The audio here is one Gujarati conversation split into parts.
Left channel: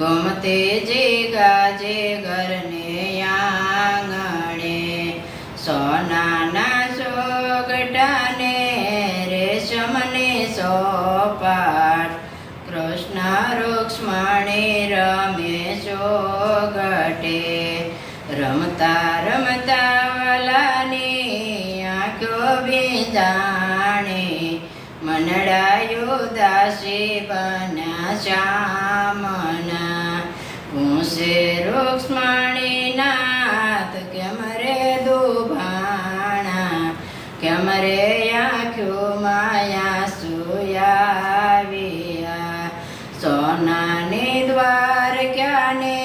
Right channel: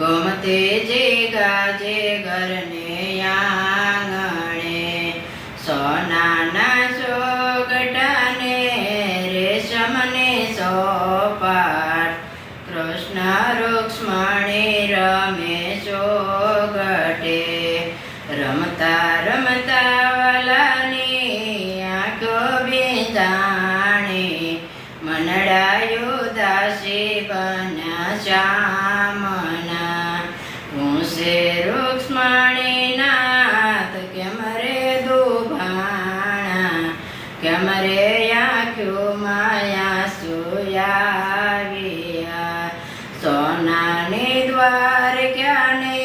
ગમતે જે ગાજે ઘરને આંગણે સોનાના સોગટાને રેશમને સોપાટ કૃષ્ણ રૂક્ષ્મણી રમે સોગટે રમતા રમતા વલાની આંખો વિંધાણી મનડાયો દાસી બન્યા શ્યામના પૂછે રૂક્ષ્મણી નાથ કેમ રે દુભાણા કેમ રે આંખ્યો માયા સુયાવ્યા સોનાની દ્વારકાને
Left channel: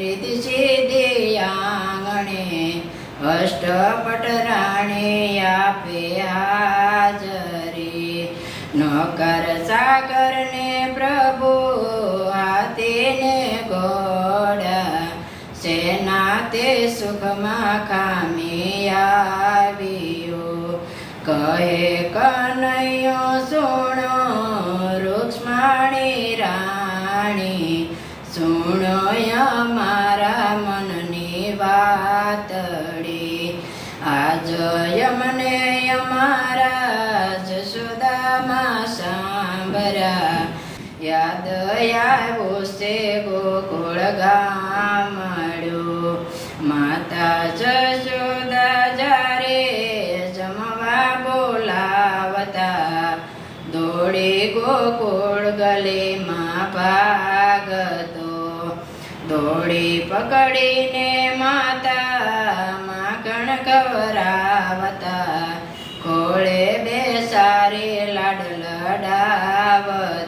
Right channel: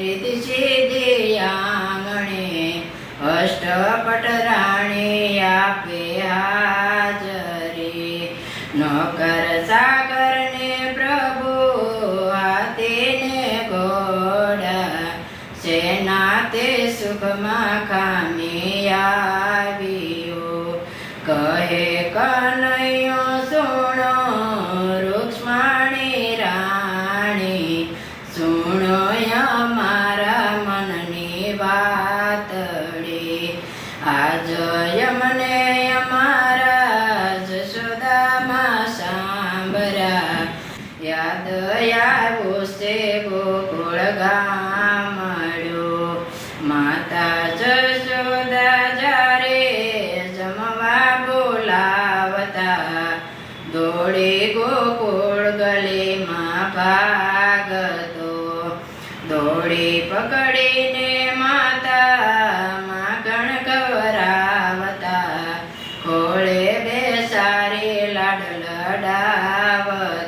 રીતિ સીધી આંગણે અષ્ટપટ રાણી આપે હાજરી નોકર સાગરને પ્રભુ હાથીને ઘોડા સેના તે સુખમાં ખામી આવ્યો કહે કનૈયો સુણો રૂક્ષ્મણી રાણી સુણો અમારા મનની વાતડી આજ યમને અમારા જશોદામાં સાંભળ્યા યાદ આવ્યો છે ગોકુળ ગામડ્યો માતા જશોદા જ્યારે જમવા બોલાવતા દોડી ગોકુળ ગલીમાં ભાગતો દોડી પકડીને માતા માખણ ખવરાવતા ખોળે બેસારી લાડ લડાવતા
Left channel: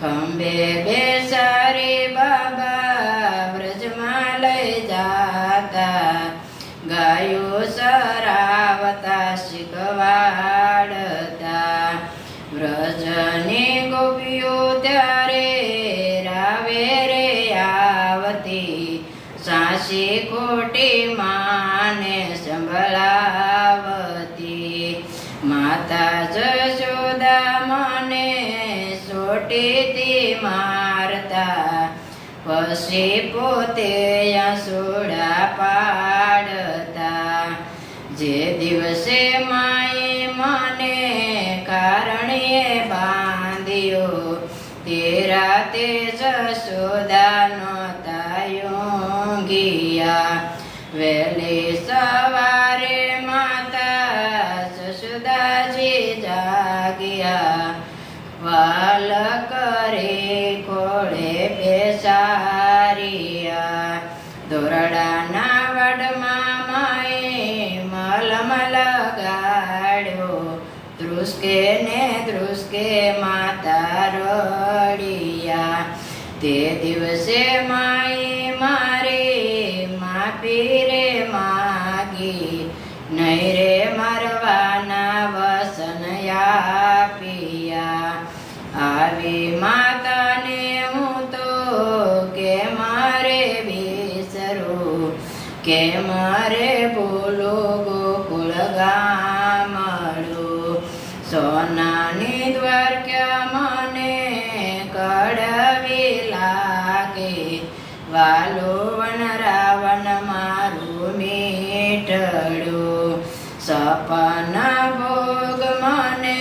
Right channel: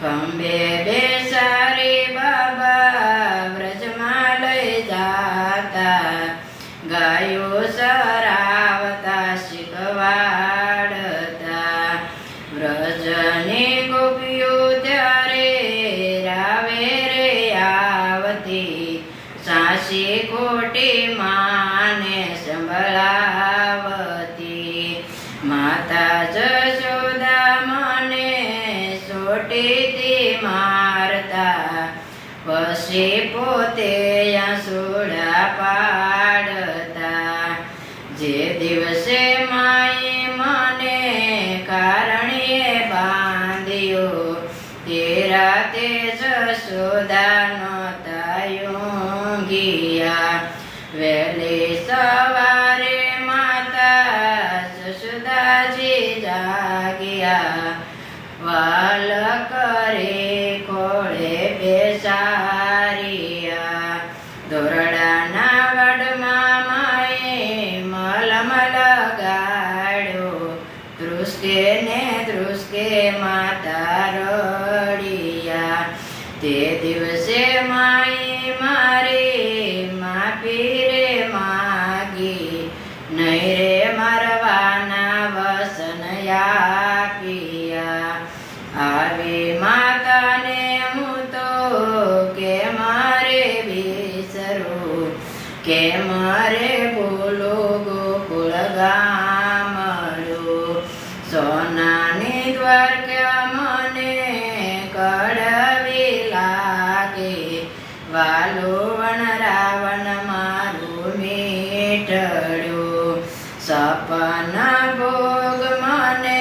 ખંભે બેસારી બાબા વ્રજમાં લઈ જાતા ગાયો સરાવતા શીખવાડતા વ્રજની ગોપીઓ ત્યારે રાવે રે આવતી સાસી ખોટી માને સંભળાવતી માતા જશોદા મને સોટીથી મારતા પછી પોતે આંસુડા પાડતા જે દિવસે માએ મને કારણીએ બાંધ્યો તે રાતે જશોદાનો તાયો ગયા વહેલી સવારે માતા જશોદાજી જાગ્યા વાલ કરે ખોળે બેસારિયા દોરડાના વડમાં માએ મલમ લગાડ્યો ધ્રુસકે ને ધ્રુસકે માતા રડિયા તે દિવસે માએ મારી માફી રે માગી નહીં રે મરવાના વસન આપ્યા આવી માતાને હું તો કે મારે વિસરું કે મારે બોલો ગોકુળ ગામડું સોનાની દ્વારકા મને કડવી લાગે વાલો વન રાવણ મારું મીઠડ્યું સપના ભોગ મને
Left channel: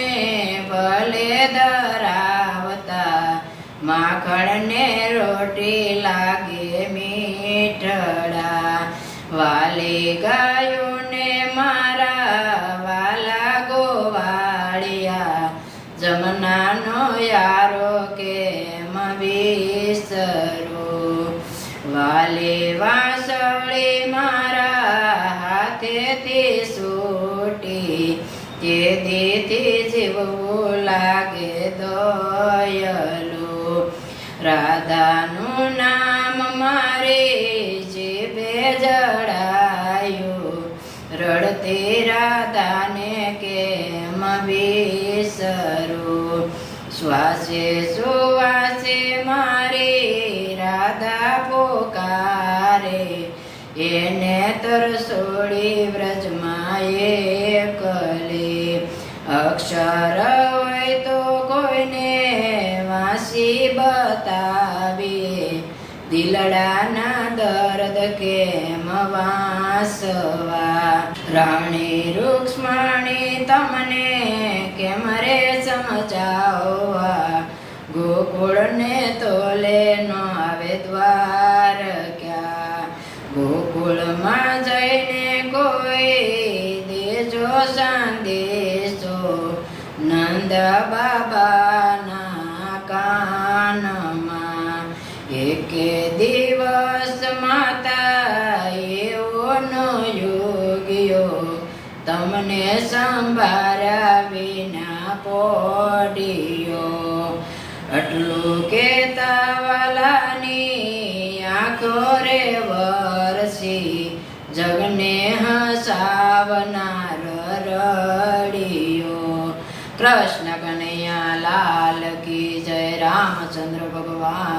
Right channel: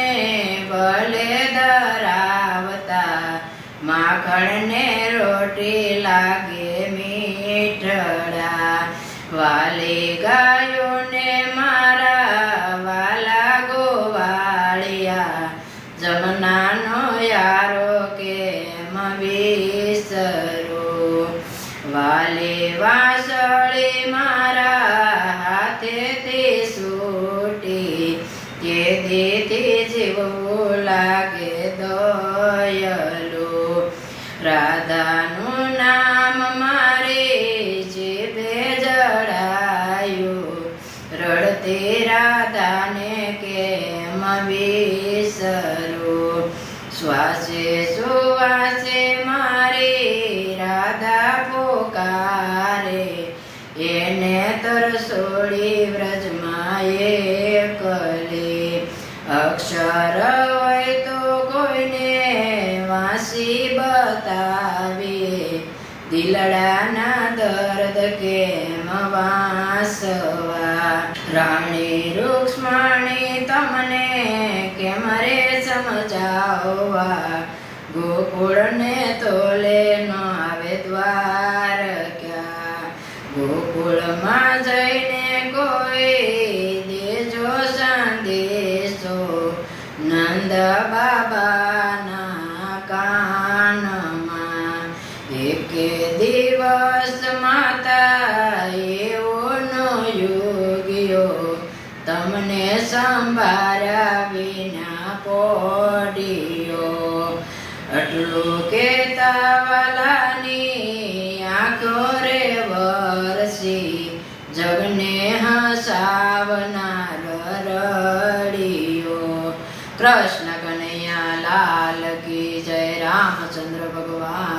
ભલે ધરાવતા માખણને રોટી લાગે મીઠડા વાલી ગાયોને મારા વાલા ગોવાળિયા જમનાનો યારો કેમ વિસરો વાલી વાસળી મારા હાથેથી છૂટી તે દીથી જીવવું લાગે દયાલુ રાધાનું નામ મારે જીભે જડાયું રડતી રાધાને કેમ વિસરું શ્વાસે સુવાસે મારી રાધા પોકારે એને તરસોડી વ્રજમાં એકલે અક્ષર હોય તો કોઈને વાસ હાસી બતાવીએ દિલડાના દર્દ કેમ વાસવા રાણી રૂક્ષ્મણી તમને કેમ રે સમજાવવા ગોકુળને તોલે નો આવે દ્વાર ક્યાં ગોકુળમાં જઈને કોઈ દેજો સંદેશો નંદ બાબાના કાનમાં એકે દિવસ માતા એવો નો યોગ્યો તમને સંભાળ્યા વિના પોડિયો આટલું કેતા વાલાની આંખો રે વરસી જગને હસાવનાર રડિયો કૃષ્ણ કનૈયા લાલ કી જય રામચંદ્ર ભગવાન